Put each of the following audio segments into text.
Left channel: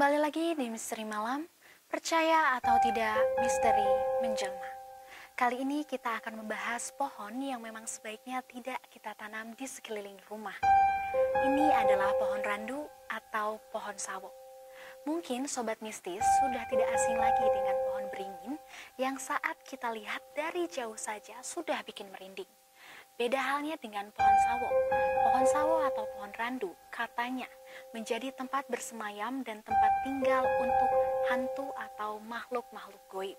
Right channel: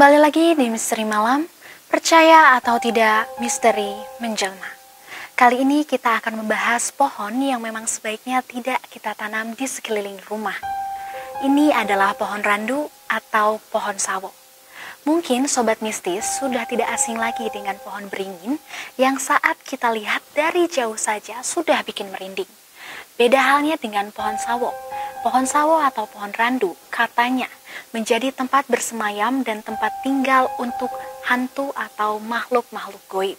Kembali lagi di Misteri Malam, percaya atau tidak misteri menjelma. Kali ini kita akan membahas pohon yang memang sebaiknya tidak kita tanam di sekeliling rumah. Ini adalah pohon randu atau pohon sawo. Mungkin sobat mistis sudah tidak asing lagi dengan pohon beringin yang saat kita lihat dari jauh saja sudah bikin merinding. Beda halnya dengan pohon sawo. Pohon sawo atau pohon randu katanya menjadi tempat bersemayam dan tempat tinggal untuk hantu atau makhluk-makhluk goib.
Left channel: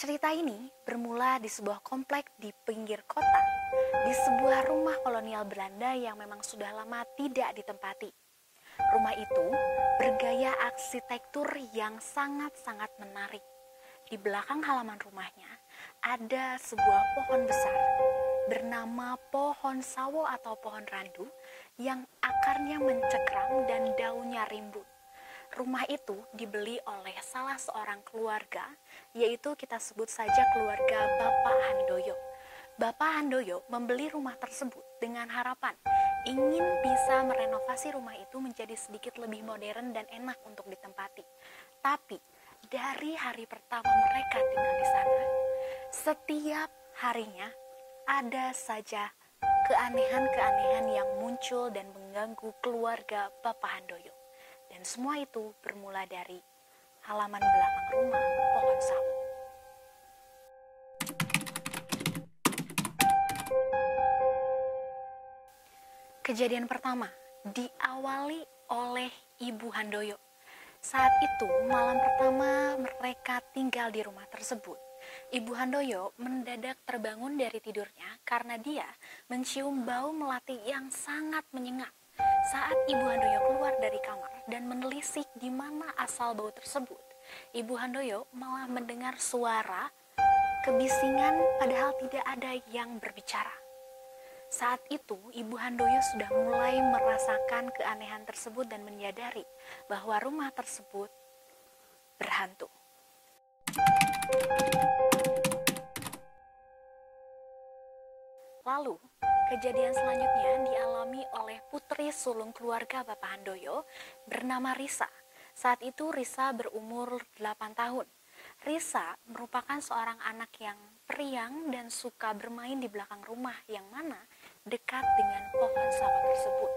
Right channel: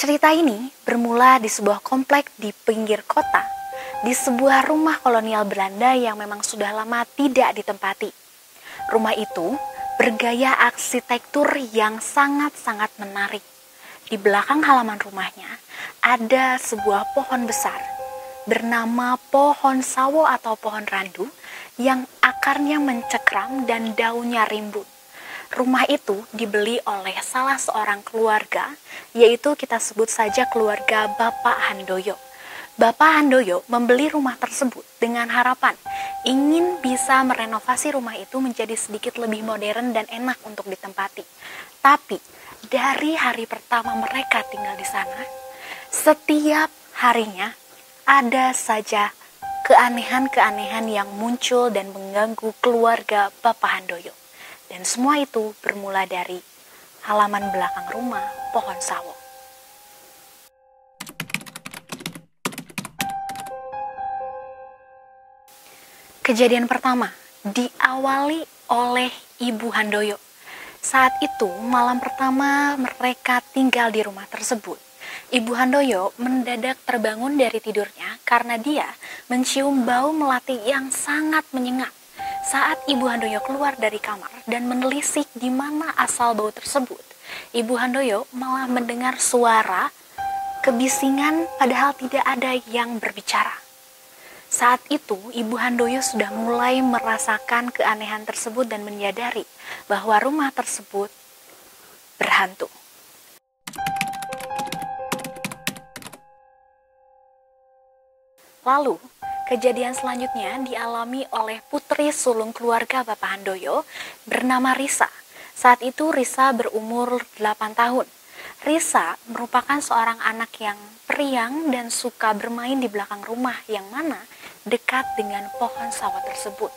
Cerita ini bermula di sebuah komplek di pinggir kota, di sebuah rumah kolonial Belanda yang memang sudah lama tidak ditempati. Rumah itu bergaya arsitektur yang sangat-sangat menarik. Di belakang halaman rumahnya ada sebuah pohon besar bernama pohon sawo atau pohon randu yang akarnya mencekram dan daunnya rimbun. Rumah itu dibeli oleh salah seorang keluarga, yaitu kita sebut saja keluarga Bapak Handoyo. Bapak Handoyo membeli rumah tersebut dengan harapan ingin bisa merenovasi rumah itu menjadi sedikit lebih modern dan enak untuk ditempati. Tapi dari hari pertama mereka tinggal di sana, setiap harinya ada saja keanehan-keanehan yang muncul dan mengganggu keluarga Bapak Handoyo. Dan semua itu bermula dari halaman belakang rumah pohon sawo. Kejadian pertama diawali oleh Ibu Handoyo. Saat itu malam pertama mereka tinggal di rumah tersebut. Ibu Handoyo mendadak terbangun dari tidurnya karena dia mencium bau melati yang sangat menyengat. Saat Ibu Handoyo keluar dari kamar dan menelisik di mana asal bau tersebut, Ibu Handoyo malah mendengar suara kebisingan padahal tidak ada yang berbicara. Saat itu Ibu Handoyo sudah mulai merasakan keanehan tersebut dan menyadari bahwa rumah tersebut berhantu. Lalu, kejadian selanjutnya dialami oleh putri sulung keluarga Bapak Handoyo bernama Risa. Saat itu Risa berumur 8 tahun. Risa merupakan seorang anak yang periang dan suka bermain di belakang rumah yang mana dekat dengan pohon sawo tersebut.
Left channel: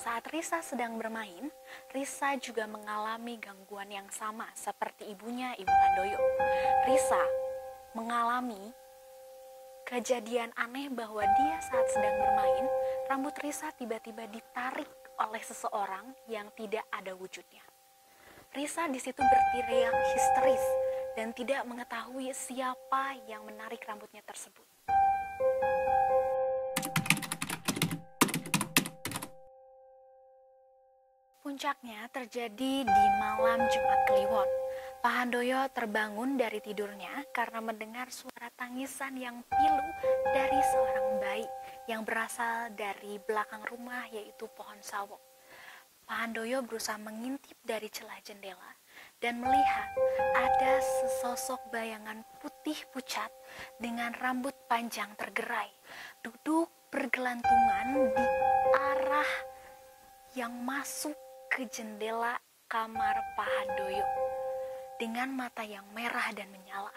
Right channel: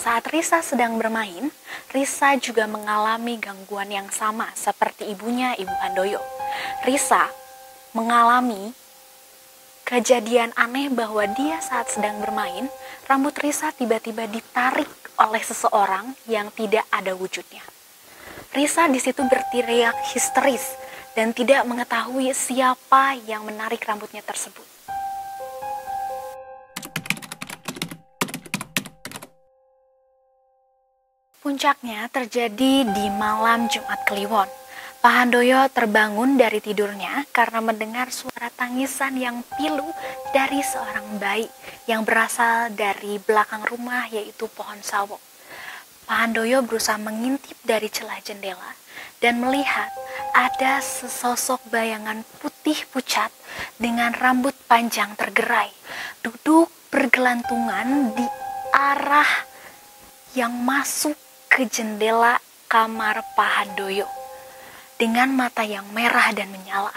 Saat Risa sedang bermain, Risa juga mengalami gangguan yang sama seperti ibunya, Ibu Handoyo. Risa mengalami kejadian aneh bahwa dia saat sedang bermain, rambut Risa tiba-tiba ditarik oleh seseorang yang tidak ada wujudnya. Risa di situ berteriak histeris dan tidak mengetahui siapa yang menarik rambutnya tersebut. Puncaknya terjadi di malam Jumat Kliwon. Pak Handoyo terbangun dari tidurnya karena mendengar suara tangisan yang pilu dari seorang bayi yang berasal dari belakang rumah, yaitu pohon sawo. Pak Handoyo berusaha mengintip dari celah jendela dan melihat ada sesosok bayangan putih pucat dengan rambut panjang tergerai duduk bergelantungan di arah yang masuk ke jendela kamar Pak Handoyo dengan mata yang merah dan menyala.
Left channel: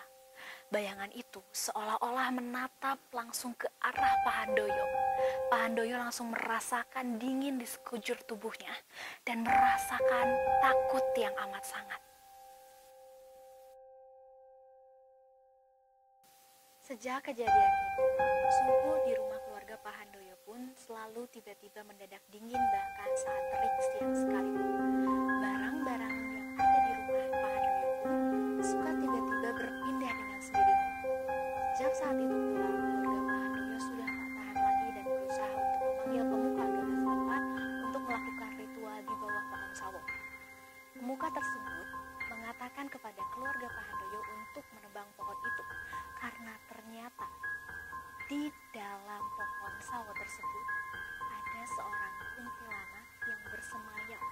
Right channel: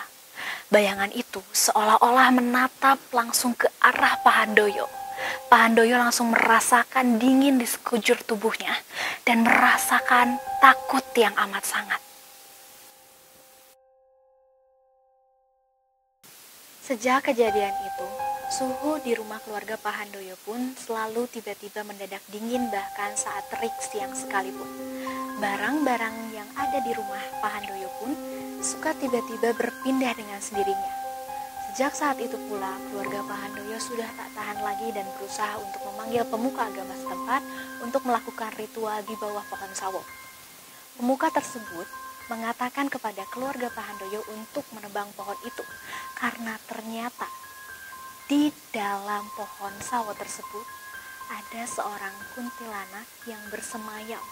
Bayangan itu seolah-olah menatap langsung ke arah Pak Handoyo. Pak Handoyo langsung merasakan dingin di sekujur tubuhnya dan merasakan takut yang amat sangat. Sejak kejadian itu, suhu di rumah keluarga Pak Handoyo pun selalu tiba-tiba mendadak dingin bahkan saat terik siang sekalipun. Barang-barang yang ada di rumah Pak Handoyo pun suka tiba-tiba berpindah dengan sendirinya. Sejak saat itu pula, keluarga Pak Handoyo sudah tak tahan lagi dan berusaha untuk memanggil pemuka agama setempat untuk melakukan ritual di bawah pohon sawo. Pemuka tersebut mengatakan kepada keluarga Pak Handoyo untuk menebang pohon itu karena ternyata di dalam pohon sawo tersebut ada seorang kuntilanak yang bersemayam.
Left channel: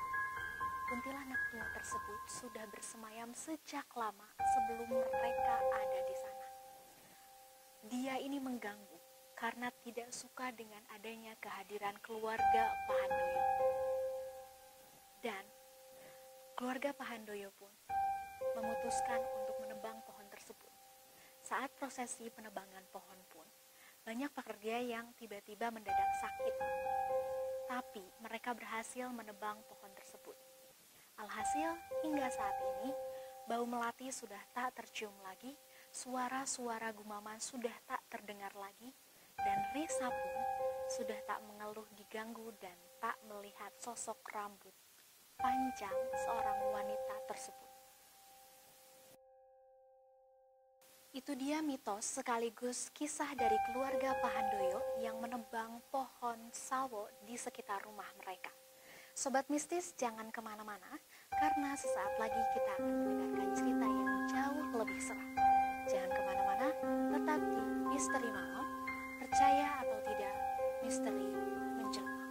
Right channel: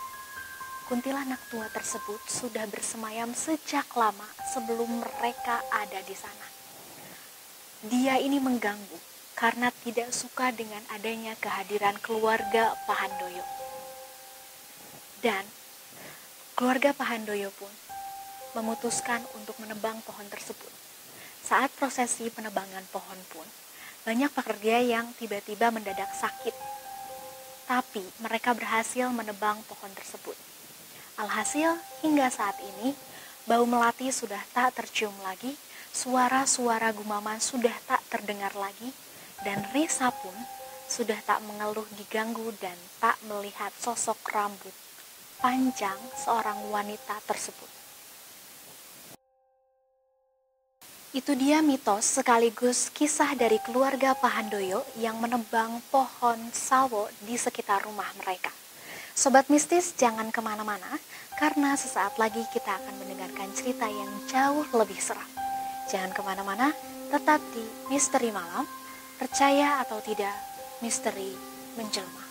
Kuntilanak tua tersebut sudah bersemayam sejak lama sebelum mereka ada di sana. Dia ini mengganggu karena tidak suka dengan adanya kehadiran keluarga Pak Handoyo. Dan Keluarga Pahandoyo pun memutuskan untuk menebang pohon tersebut. Saat prosesi penebangan pohon pun, banyak pekerja yang tiba-tiba mendadak sakit. Tapi mereka berhasil menebang pohon tersebut. Alhasil, hingga saat ini, bau melati sudah tak tercium lagi, suara-suara gumaman sudah tak terdengar lagi, dan Risa pun sudah tak mengeluh diganggu dan tak melihat sosok rambut panjang seorang wanita tersebut. Itu dia mitos sekaligus kisah dari keluarga Pahandoyo yang menebang pohon sawo di sekitar rumah mereka. Sobat Mistis, jangan kemana-mana, karena sesaat lagi kita akan mendengarkan cerita yang jauh lebih seram. Jangan kemana-mana, tetap di Misteri Malam, percaya atau tidak, misteri menjelma.